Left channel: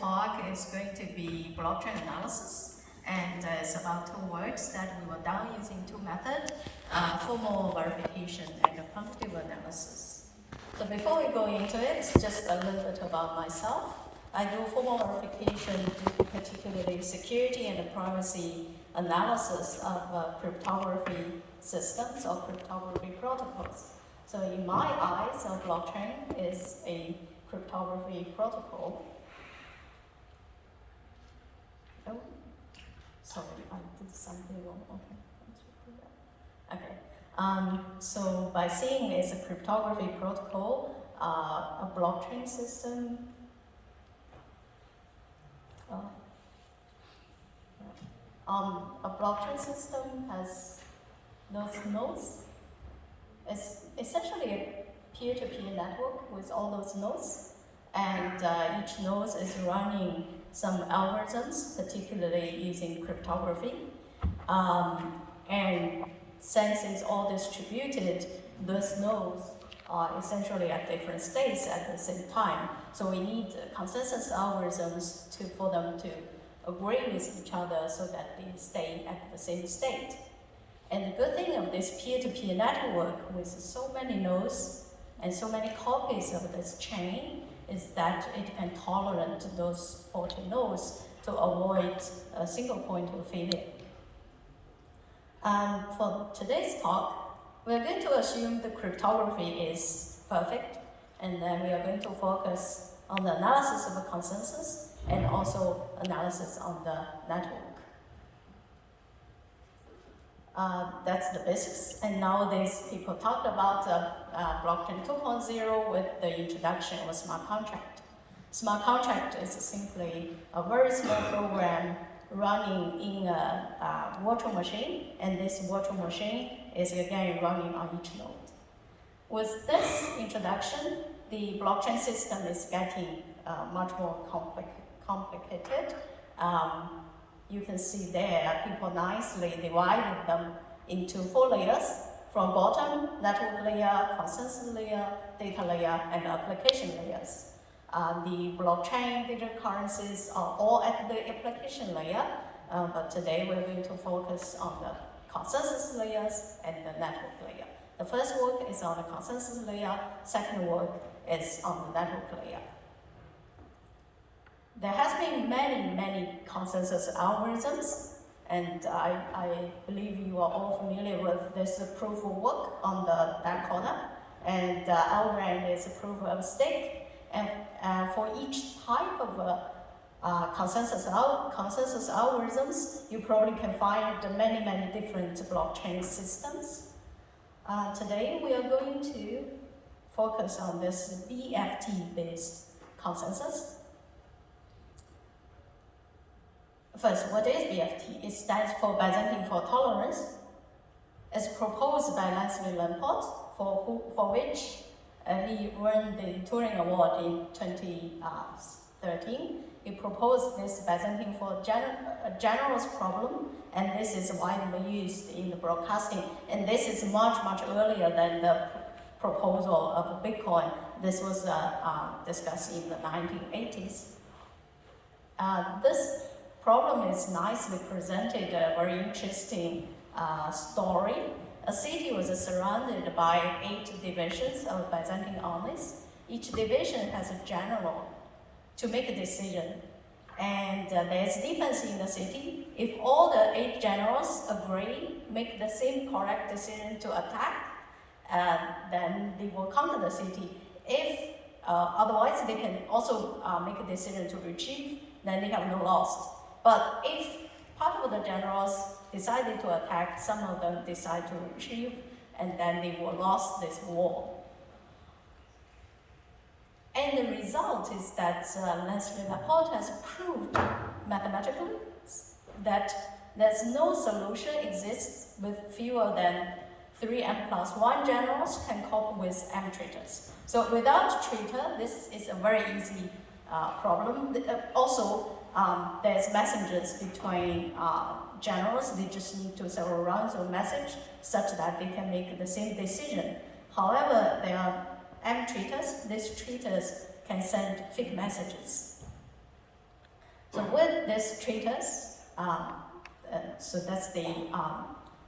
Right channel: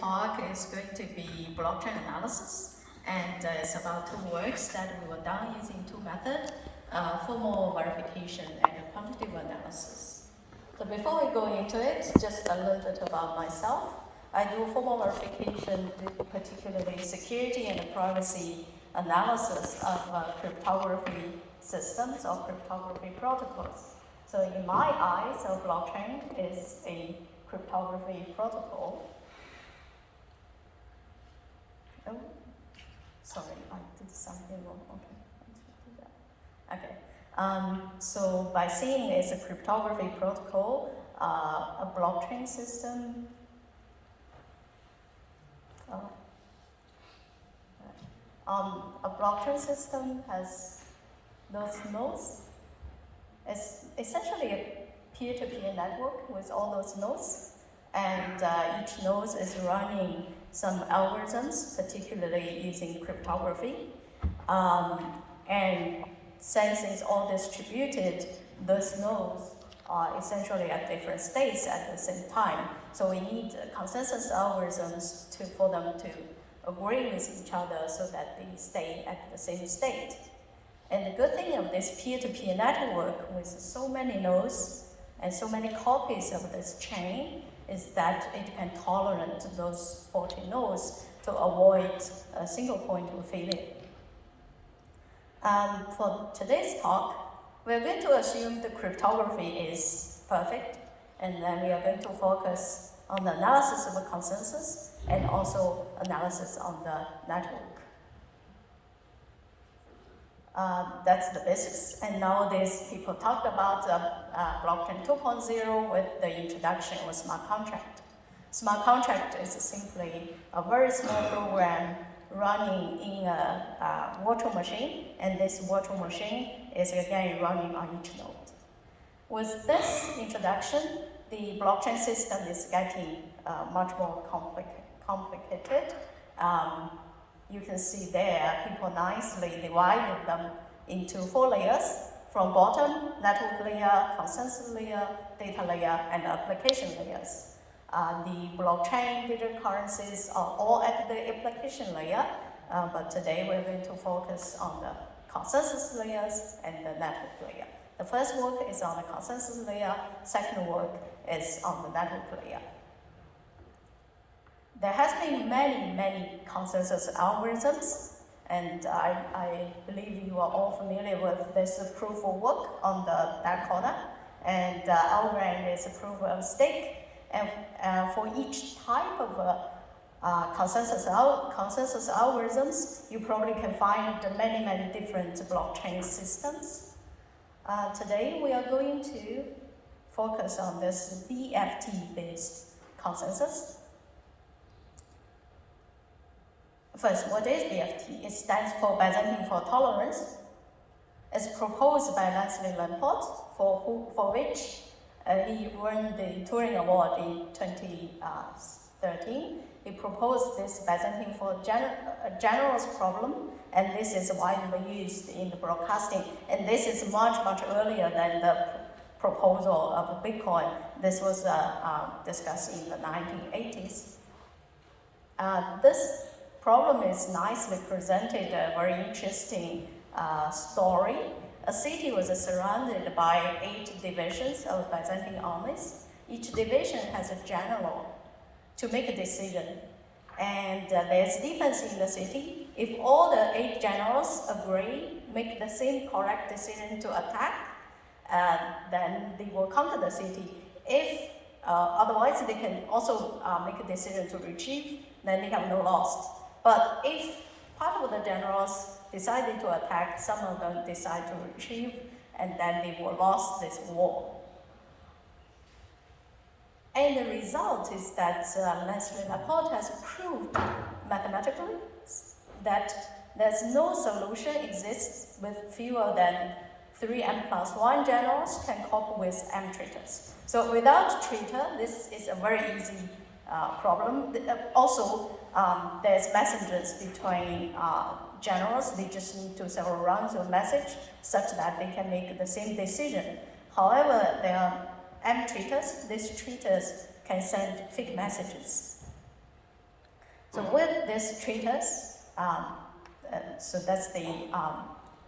talk is going to be blockchain analysis, and it's about two works that we were done using two methods, formal verification and quantitative analysis. So before we go into it, just a little bit about myself. I do formal verification, particularly security and privacy analysis of cryptography systems or cryptography protocols. So in my eyes, a blockchain is a cryptography protocol. Oh, sorry, I did something wrong. Okay. So by saying it's a cryptography protocol, a blockchain system. A blockchain system has those nodes. It's essentially a peer-to-peer network with all those nodes, and each node is running some algorithms, particularly using cryptography. And since it's all distributed, those nodes are essentially at different states at the same time. So we need consensus algorithms for them to agree with each other so that they stay at the same state. And the good thing of this peer-to-peer network with so many nodes and so many copies of this chain is that it can tolerate those faulty nodes to avoid a single point of failure. For today's talk, we're going to assume the cryptography is perfect, and then we are going to focus on the analysis of the consensus and also analysis on the network. That's the basics, and nowadays people talk about blockchain 2.0 with the introduction of smart contract. Smart contract is simply a very small program running in a virtual machine, and this virtual machine is again running on each node. With this introduction, the blockchain system is getting much more complicated. You can see there, people nicely divided them into 4 layers, from bottom, network layer, consensus layer, data layer, and application layers. The blockchain digital currencies are all at the application layer, but today we're going to focus on the consensus layers and the network layer. The first work is on the consensus layer, second work is on the network layer. There has been many consensus algorithms, and I believe you are all familiar with this proof of work on the that corner, and Algorand is a proof of stake. And for each type of consensus algorithms, you probably can find many different blockchain systems. Today we are going to focus on this BFT-based consensus. First, what is BFT? It stands for Byzantine Fault Tolerance. It's proposed by Leslie Lamport, for which he won the Turing Award in 2013. He proposed this Byzantine fault generals problem, and this is widely used in the broadcasting. And this is much earlier than the proposal of Bitcoin. This was discussed in the 1980s. This problem is nicely presented, a very interesting story. A city was surrounded by 8 divisions of Byzantine armies. Each division has a general to make a decision. And there's defense in the city. If all the 8 generals agree, make the same correct decision to attack, then they will conquer the city. If otherwise, they can also make a decision to retreat, then they have no loss. But if part of the generals decided to attack, some of them decide to retreat, and then they will lose this war. And the result is that Leslie Laporte has proved mathematically that there's no solution exists with fewer than 3 n+1 generals can cope with m traitors. So without traitor, this is a very easy problem. Also, there's messengers between generals. They just need to several rounds of message such that they can make the same decision. However, there are m traitors. These traitors can send fake messages. with this treatise, so that's the,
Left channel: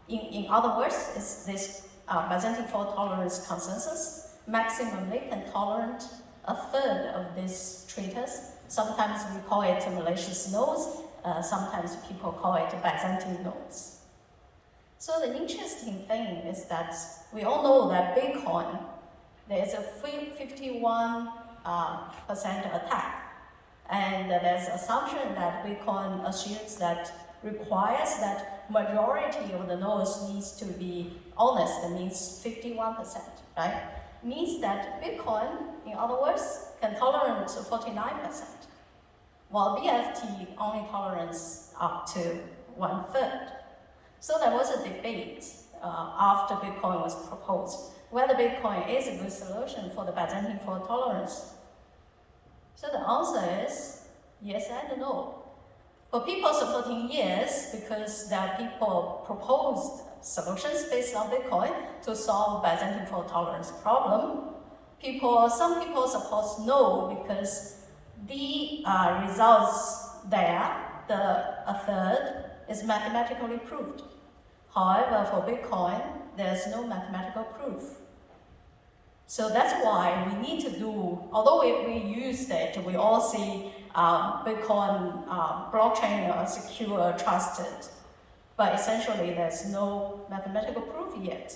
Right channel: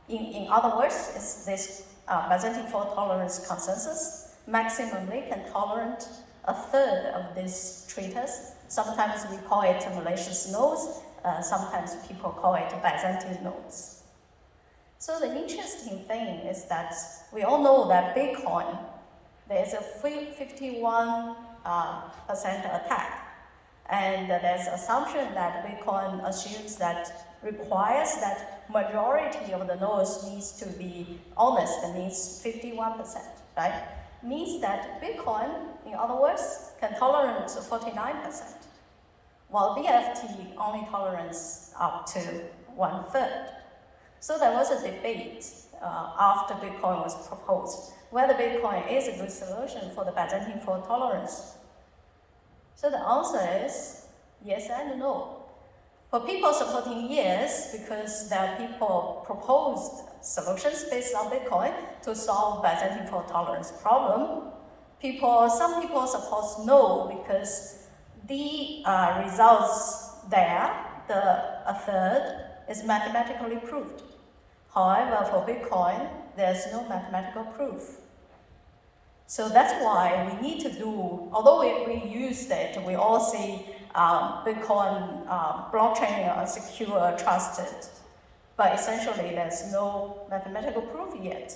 in other words, is this Byzantine fault tolerance consensus maximally can tolerate a third of this treatise. Sometimes we call it malicious nodes, sometimes people call it Byzantine nodes. So the interesting thing is that we all know that Bitcoin, there's a 51% attack. And there's assumption that Bitcoin assumes that requires that majority of the nodes needs to be honest. It means 51%, right? Means that Bitcoin, in other words, can tolerate 49%, while BFT only tolerates up to 1/3. So there was a debate after Bitcoin was proposed, whether Bitcoin is a good solution for the Byzantine fault tolerance. So the answer is yes and no. For people supporting yes, because there are people proposed solutions based on Bitcoin to solve Byzantine fault tolerance problem. Some people support no because the results there, a third, is mathematically proved. However, for Bitcoin, there's no mathematical proof. So that's why we need to do, although we use it, we all see Bitcoin blockchain secure, trusted, but essentially there's no mathematical proof yet.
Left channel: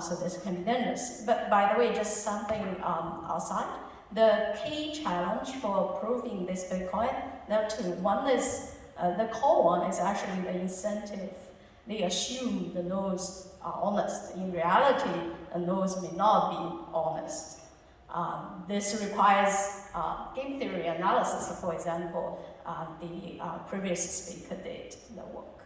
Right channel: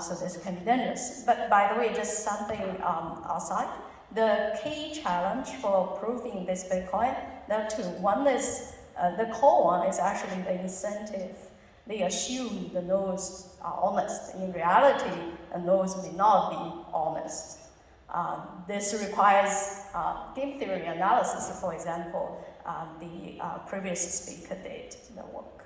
So this can be dangerous. But by the way, just something outside. The key challenge for proving this Bitcoin, there are two. One is, the core one is actually the incentive. They assume the nodes are honest. In reality, the nodes may not be honest. This requires game theory analysis, for example, the previous speaker did the work.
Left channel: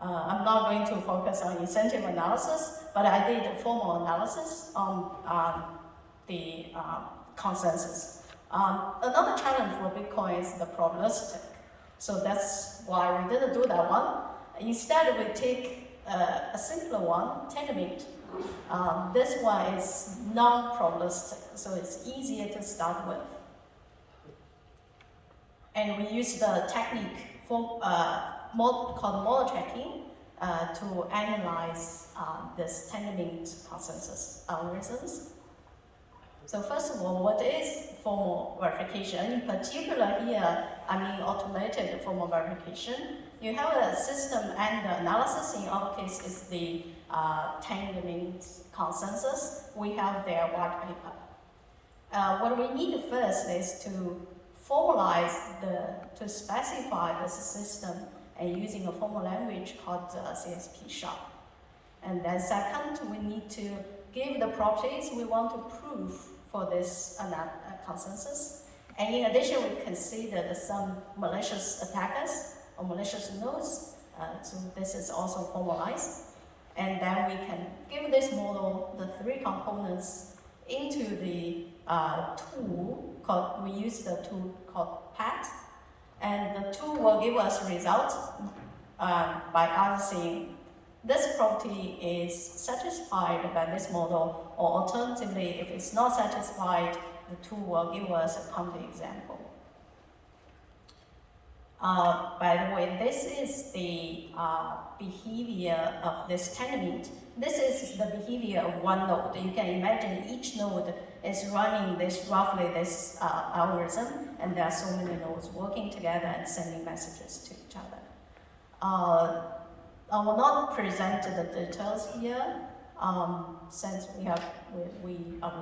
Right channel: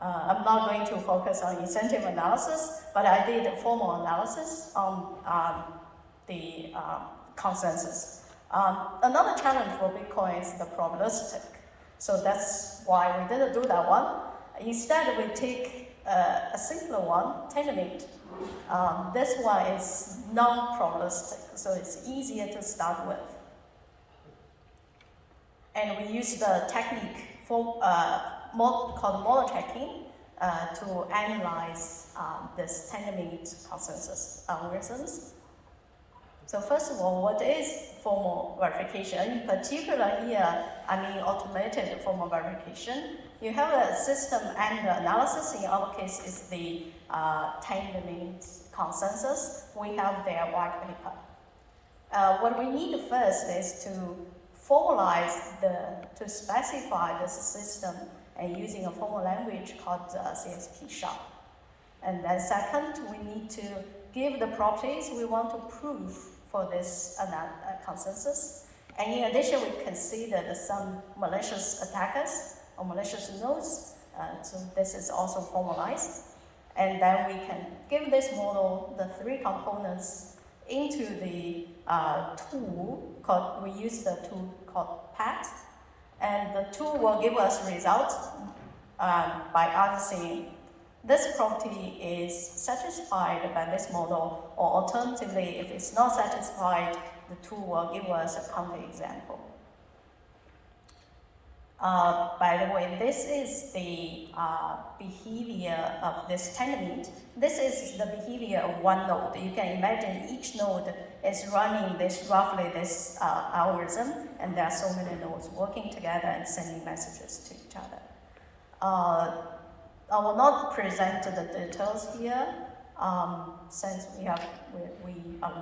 I'm not going to focus on incentive analysis, but I did a formal analysis on the consensus. Another challenge for Bitcoin is the probabilistic. So that's why we didn't do that one. Instead, we take a simpler one, tenement. This one is non-probabilistic, so it's easier to start with. And we use the technique called model checking to analyze this tenement consensus algorithms. So first of all, what is formal verification? In particular here, I mean automated formal verification. You have a system and analysis. In our case, is the tenement consensus. We have their white paper. What we need first is to formalize to specify this system and using a formal language called CSP#. And then second, we need to give the properties we want to prove for this consensus. And in addition, we consider some malicious attackers or malicious nodes. So this is also formalized. And then we can give this model the three components into the tool called, we use the tool called PAT. And the tool will give us results by asking this property is satisfied by this model, or alternatively, if it's not satisfied, the tool will give us a counterexample. By the way, this is the behavior of this tenement. This is the behavior of one node. You can imagine each node is running roughly this algorithm, and there are so many nodes working together and sending messages to each other. I will not present the details here, since we are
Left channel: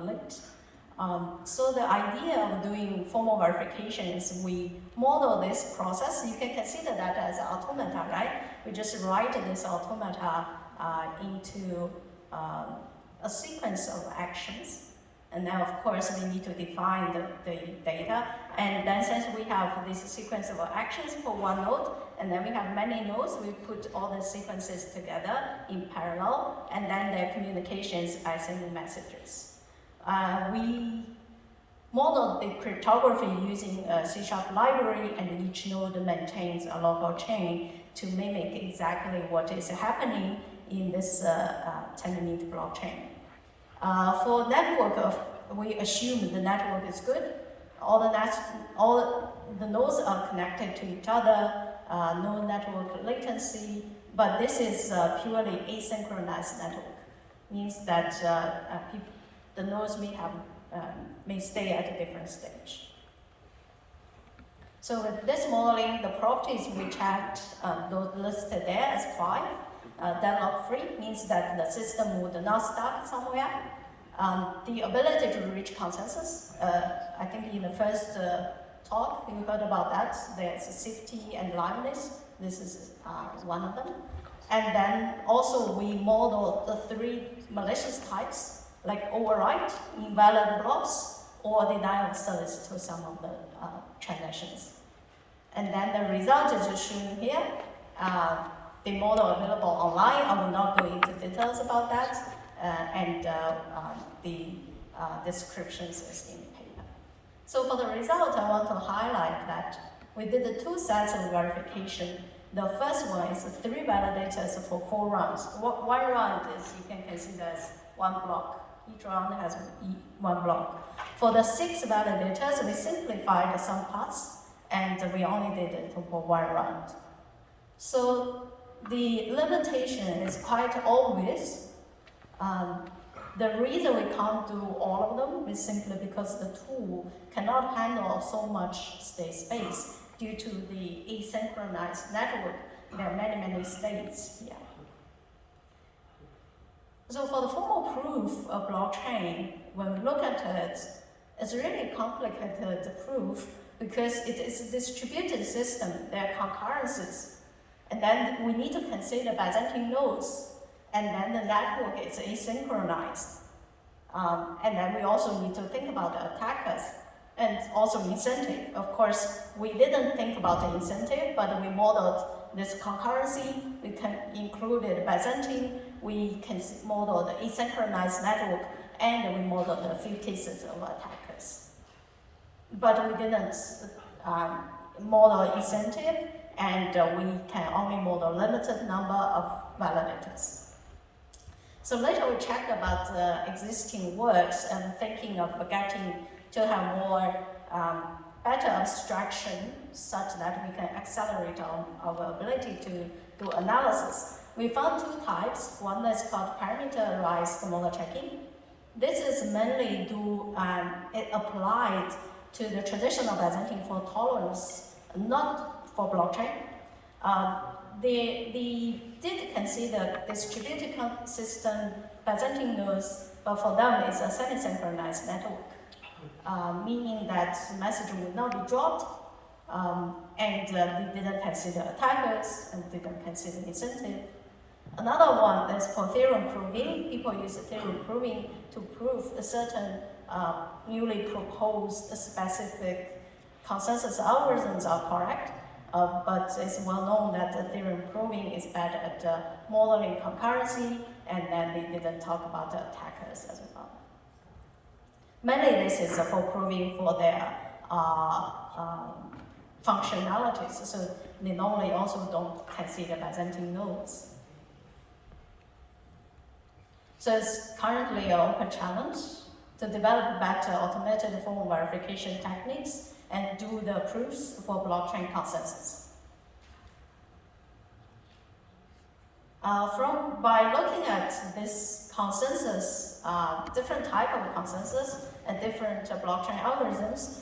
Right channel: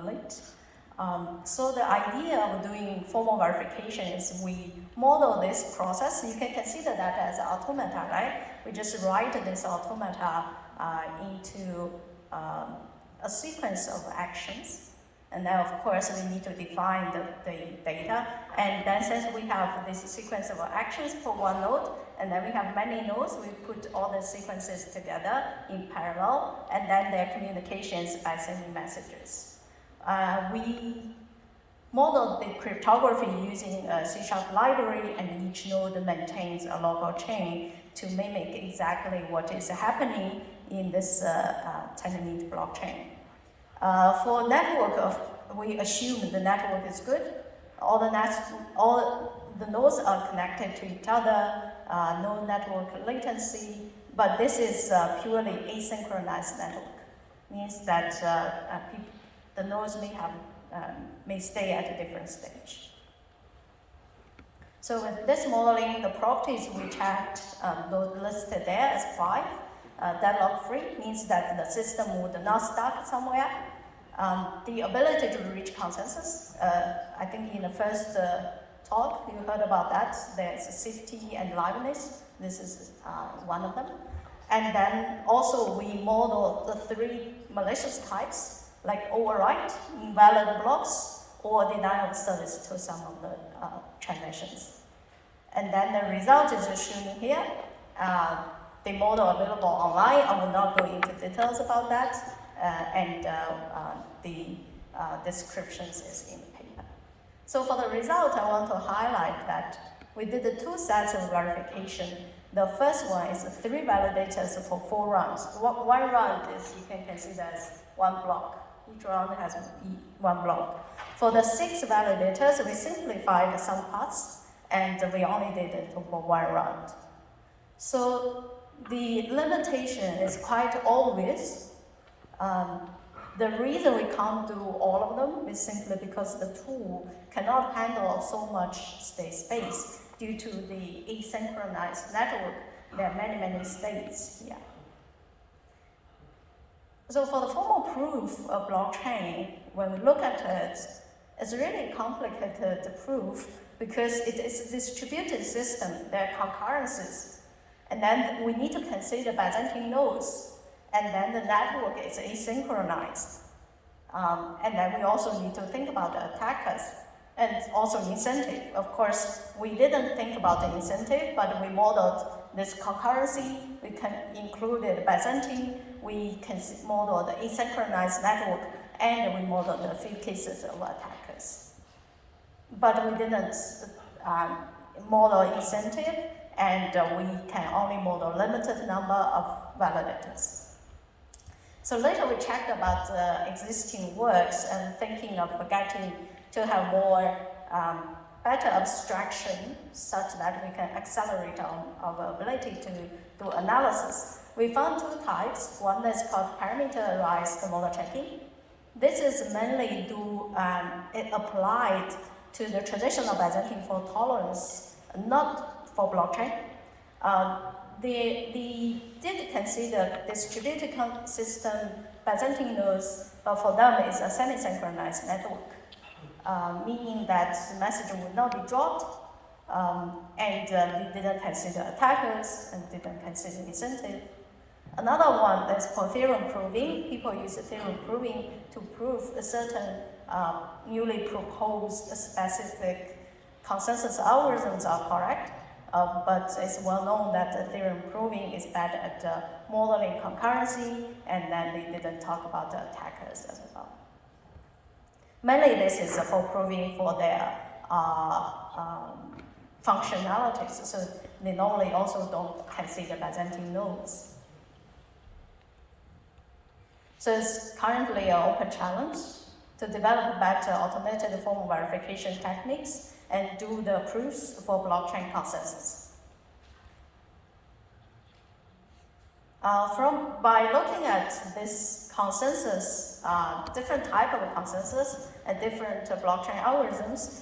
late. So the idea of doing formal verification is we model this process. You can consider that as an automata, right? We just write this automata into a sequence of actions. And then, of course, we need to define the data. And then since we have this sequence of actions for one node, and then we have many nodes, we put all the sequences together in parallel, and then their communications by sending messages. We modeled the cryptography using a C# library, and each node maintains a local chain to mimic exactly what is happening in this tenement blockchain. For network, we assume the network is good. the nodes are connected to each other, no network latency, but this is purely asynchronous network. Means that the nodes may stay at a different stage. So with this modeling, the properties we checked, those listed there as 5. Deadlock-free means that the system would not stuck somewhere. The ability to reach consensus, I think in the first talk you heard about that. There's safety and liveness. This is one of them. And then also we modeled the 3 malicious types, like overwrite, invalid blocks, or denial of service to some of the transactions. And then the result is just shown here. The model available online. I will not go into details about that. And the descriptions is in the paper. So for the result, I want to highlight that we did the 2 sets of verification. The first one is 3 validators for 4 rounds. One round is you can consider as 1 block. Each round has 1 block. For the 6 validators, we simplified some parts, and we only did it for 1 round. So the limitation is quite obvious. The reason we can't do all of them is simply because the tool cannot handle so much state space due to the asynchronous network. There are many states here. So for the formal proof of blockchain, when we look at it, it's really complicated proof because it is a distributed system. There are concurrences. And then we need to consider Byzantine nodes. And then the network is asynchronized. And then we also need to think about the attackers and also incentive. Of course, we didn't think about the incentive, but we modeled this concurrency. We included Byzantine. We can model the asynchronized network, and we modeled a few cases of attackers. But we didn't model incentive, and we can only model limited number of validators. So later we checked about existing works and thinking of getting to have more better abstraction such that we can accelerate our ability to do analysis. We found 2 types. One is called parameterized model checking. This is mainly it applied to the traditional Byzantine fault tolerance, not for blockchain. They did consider distributed system Byzantine nodes, for them is a semi-synchronized network, meaning that the message would not be dropped, and they didn't consider attackers and didn't consider incentive. Another one is for theorem proving. People use theorem proving to prove a certain newly proposed specific consensus algorithms are correct. But it's well known that the theorem proving is bad at modeling concurrency, and then they didn't talk about the attackers as well. Mainly this is for proving for their functionalities, so they normally also don't consider Byzantine nodes. So it's currently an open challenge to develop better automated form verification techniques and do the proofs for blockchain consensus. By looking at this consensus, different type of consensus and different blockchain algorithms,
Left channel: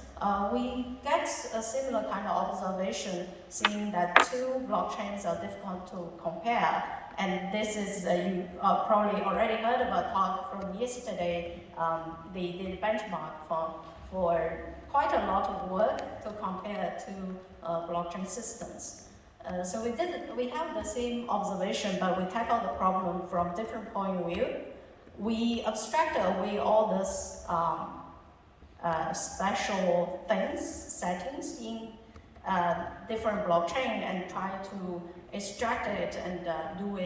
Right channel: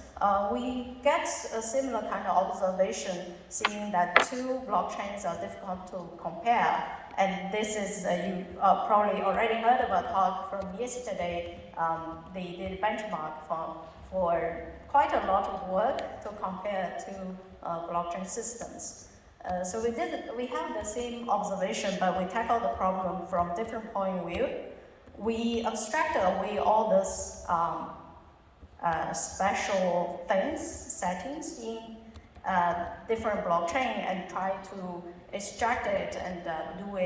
we get a similar kind of observation, seeing that 2 blockchains are difficult to compare. And this is, you probably already heard of a talk from yesterday. They did benchmark for quite a lot of work to compare 2 blockchain systems. So we have the same observation, but we tackle the problem from different point of view. We abstract away all this special settings in different blockchain and try to extract it and do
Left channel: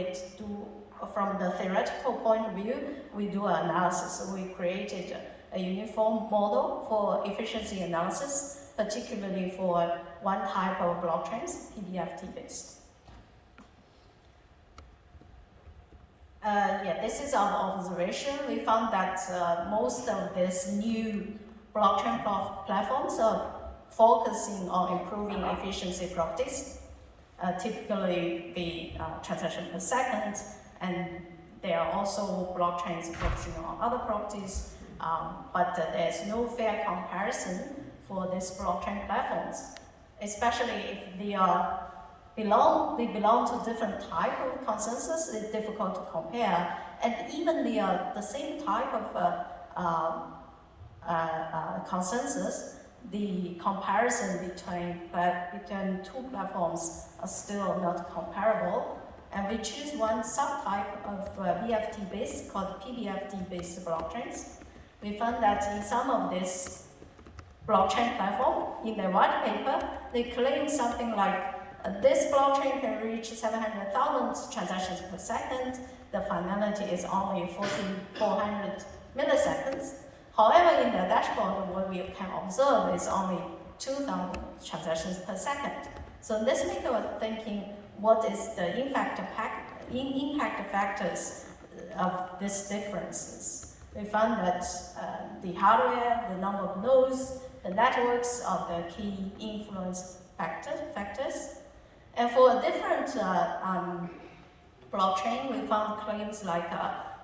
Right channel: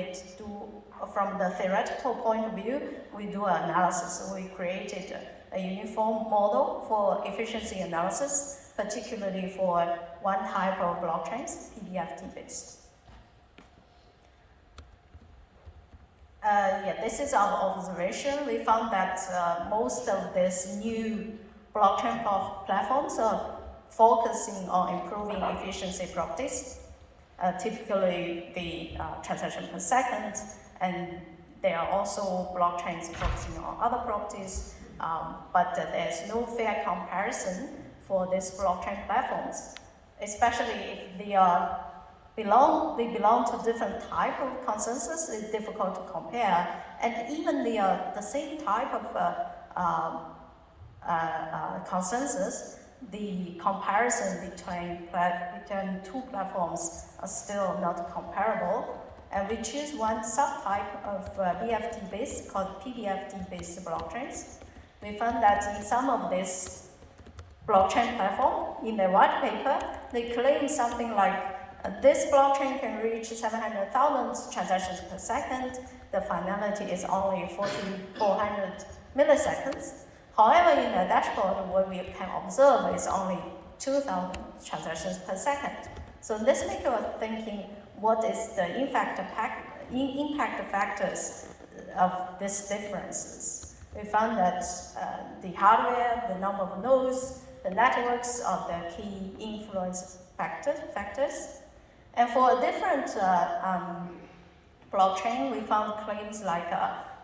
from the theoretical point of view. We do an analysis. So we created a uniform model for efficiency analysis, particularly for one type of blockchains, PBFT based. This is our observation. We found that most of these new blockchain platforms are focusing on improving efficiency properties, typically the transaction per second, and there are also blockchains focusing on other properties, but there's no fair comparison for these blockchain platforms, especially if they belong to different type of consensus. It's difficult to compare, and even they are the same type of consensus, the comparison between two platforms are still not comparable. And we choose one subtype of BFT-based called PBFT-based blockchains. We found that in some of these blockchain platform, in their white paper, they claim something like this blockchain can reach 700,000 transactions per second. The finality is only 400 milliseconds. However, in the dashboard, what we can observe is only 2,000 transactions per second. So this makes us thinking, what is the impact factors of these differences? We found that the hardware, the number of nodes, the networks are the key influence factors. And for a different blockchain, we found claims like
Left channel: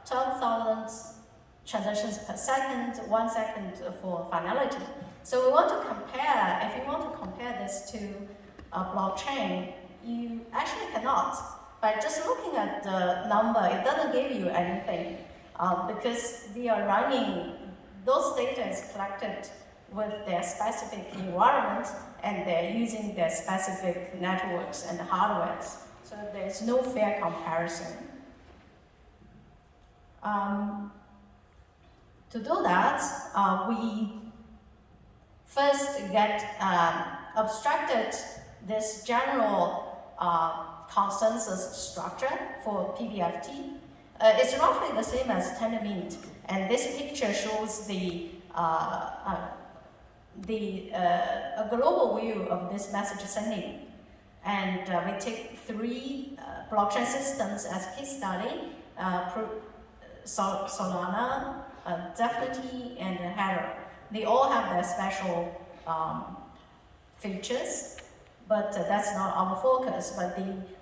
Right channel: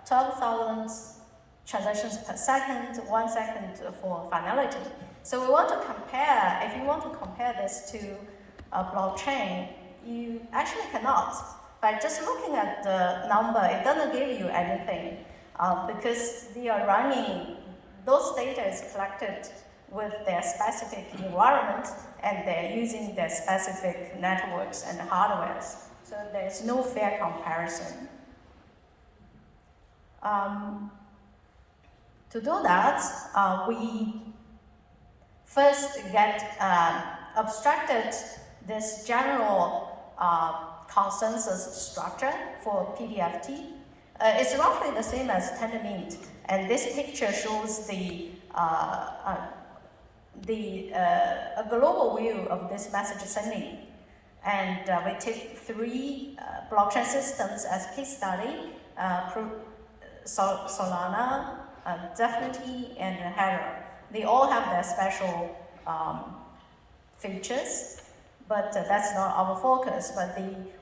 12,000 transactions per second, 1 second for finality. So we want to compare, if you want to compare this to a blockchain, you actually cannot. By just looking at the number, it doesn't give you anything because they are running, those data is collected with their specific environment and they're using their specific networks and hardwares. So there's no fair comparison. To do that, we first get abstracted this general consensus structure for PBFT. It's roughly the same as Tendermint, and this picture shows a global view of this message sending. And we take 3 blockchain systems as case study, Solana, Definity, and Hera. They all have their special features, but that's not our focus. But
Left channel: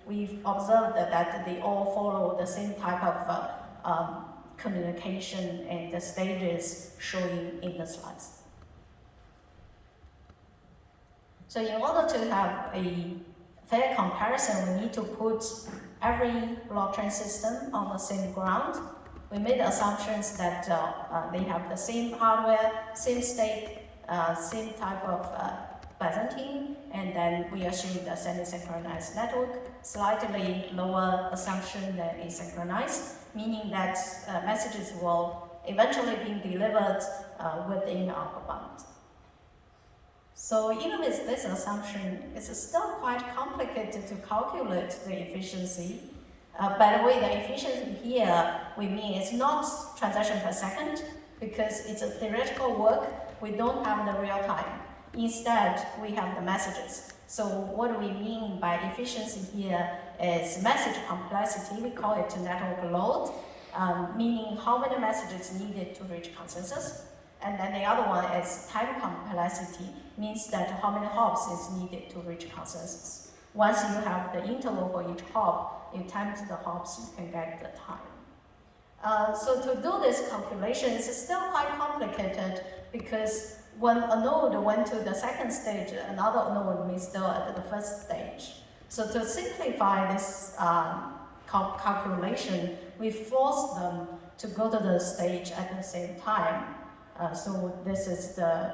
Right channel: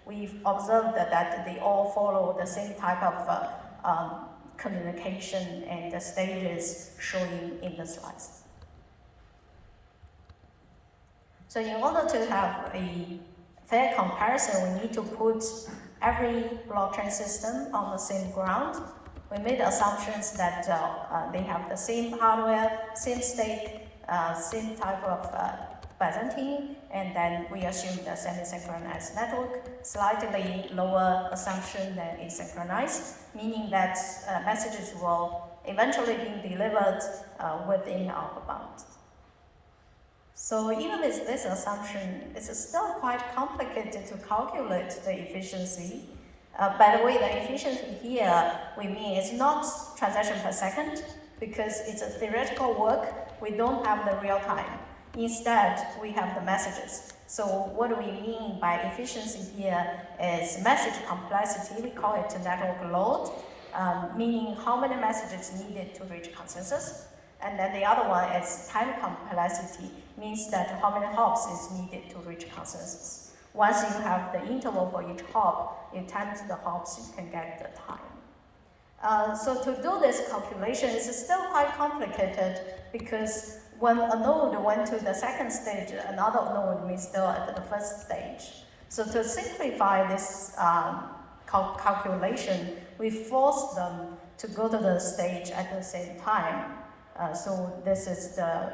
we've observed that they all follow the same type of communication and the stages shown in the slides. So in order to have a fair comparison, we need to put every blockchain system on the same ground. We made assumptions that they have the same hardware, same stake, same type of Byzantine, and then we assumed a semi-synchronized network, slightly lower assumption than asynchronized, meaning that messages will eventually be delivered within our bound. So even with this assumption, it's still quite complicated to calculate the efficiency. By the way, the efficiency here, we mean it's not transaction per second, because it's a theoretical work, we don't have the real time. Instead, we have the messages. So what we mean by efficiency here is message complexity, we call it network load, meaning how many messages needed to reach consensus. And then the other one is time complexity, means that how many hops is needed to reach consensus. Once you have the interval for each hop, you times the hops, you can get the time. So to do this calculation, it's still quite complicated because when a node went to the second stage, another node is still at the first stage. So to simplify this calculation, we force them to go to the stage at the same time. So this is the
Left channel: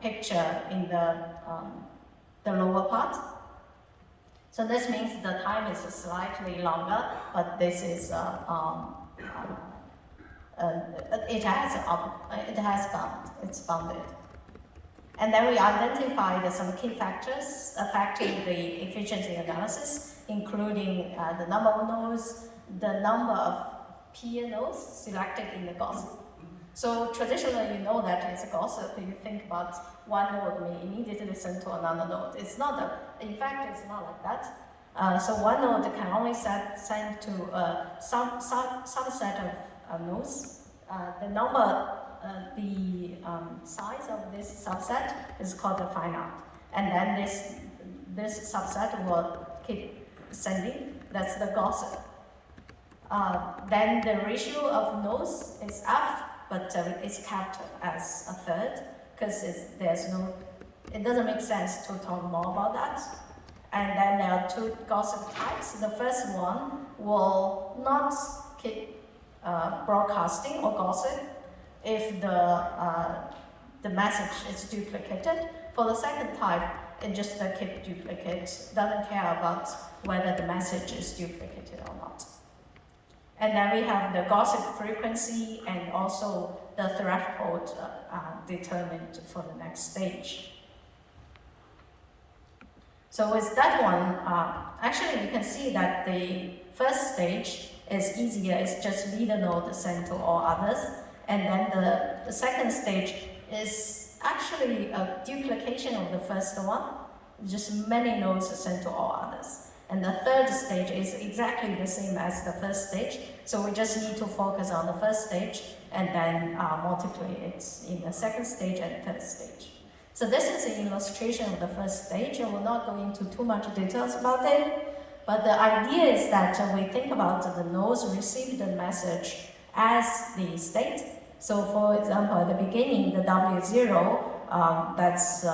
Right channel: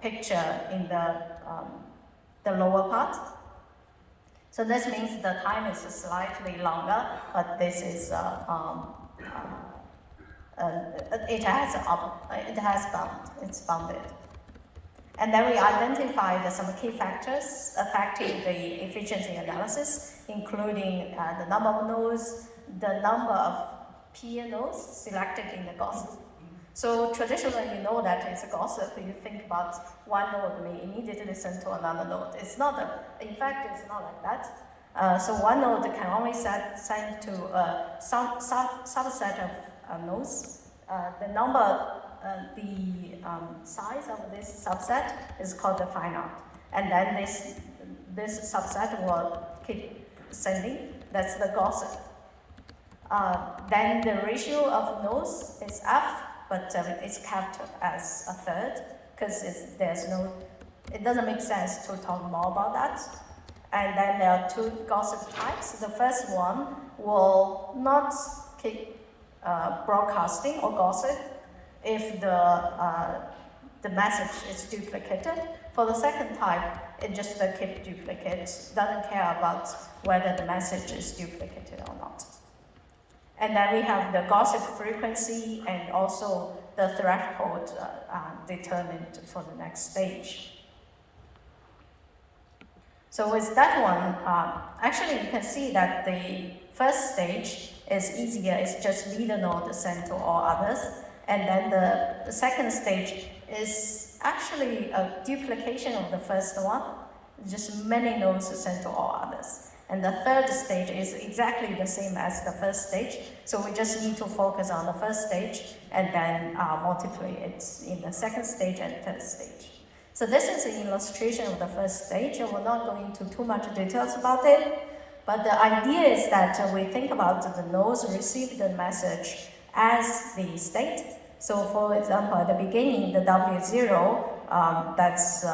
picture in the lower part. So this means the time is slightly longer, but this is it's bounded. And then we identified some key factors affecting the efficiency analysis, including the number of nodes, the number of peer nodes selected in the gossip. So traditionally, you know that it's a gossip. You think about one node may immediately send to another node. It's not in fact, it's not like that. So one node can only send to some subset of nodes. The number size of this subset is called the finite. And then this subset will keep ascending. That's the Gaussian. Then the ratio of nodes is F, but it's kept as a third because it doesn't make sense to talk more about that. And then there are two Gaussian types. The first one will not keep broadcasting or gossip if the message is duplicated. For the second type, it just keep duplicates, doesn't care about whether the message is duplicated or not. And then we have the gossip frequency and also the threshold determined for the next stage. So with that one, actually you can see that the first stage is easier, it's just leader node sent to all others. And then the second stage is actually a duplication of the first one, just many nodes sent to all others. And the third stage is exactly the same as the first stage, so we just need to focus on the first stage and then multiply it in the second stage and third stage. So this is an illustration of the first stage, and we're not going into too much details about it, but the idea is that we think about the nodes receive the message as the state. So for example, at the beginning, the W0, that's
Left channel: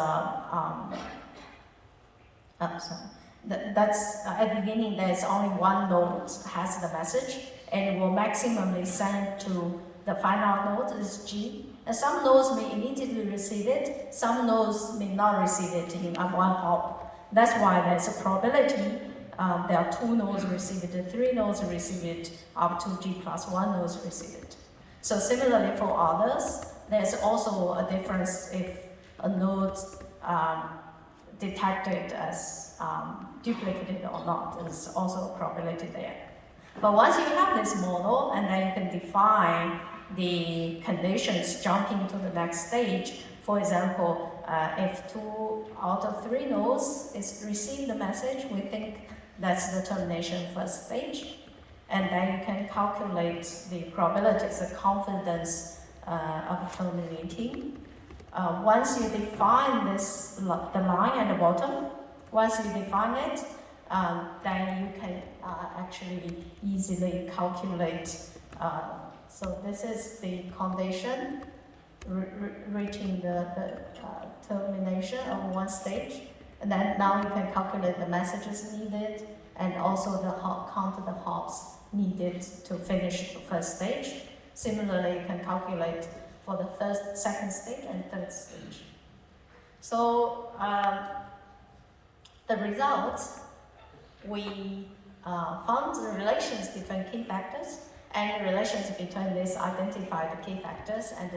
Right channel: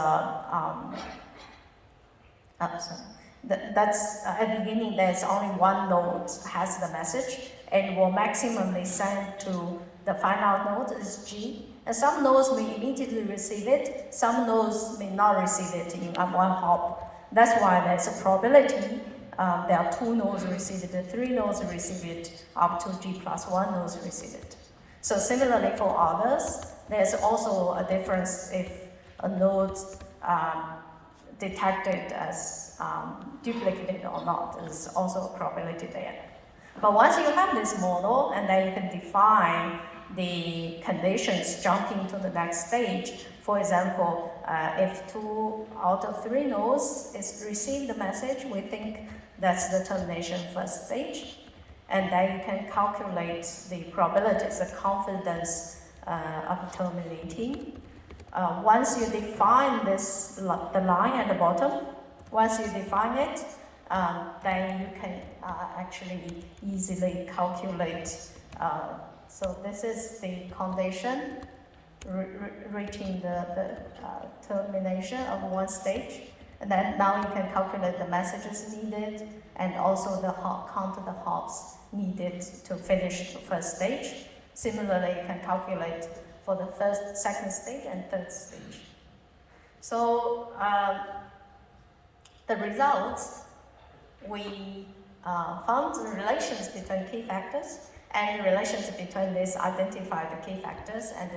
at the beginning, there's only one node has the message, and will maximally send to the final node is G. And some nodes may immediately receive it, some nodes may not receive it in one hop. That's why there's a probability. There are 2 nodes receive it, 3 nodes receive it, up to G+1 nodes receive it. So similarly for others, there's also a difference if a node detected as duplicated or not. There's also a probability there. But once you have this model, and then you can define the conditions jumping to the next stage. For example, if 2 out of 3 nodes is receive the message, we think that's the termination first stage. And then you can calculate the probabilities, the confidence of terminating. Once you define this, the line at the bottom, once you define it, then you can actually easily calculate. So this is the condition reaching the termination of one stage. And then now you can calculate the messages needed and also the count of the hops needed to finish the first stage. Similarly, you can calculate for the second stage and third stage. So the results, we found the relations between key factors and relations between these identified key factors and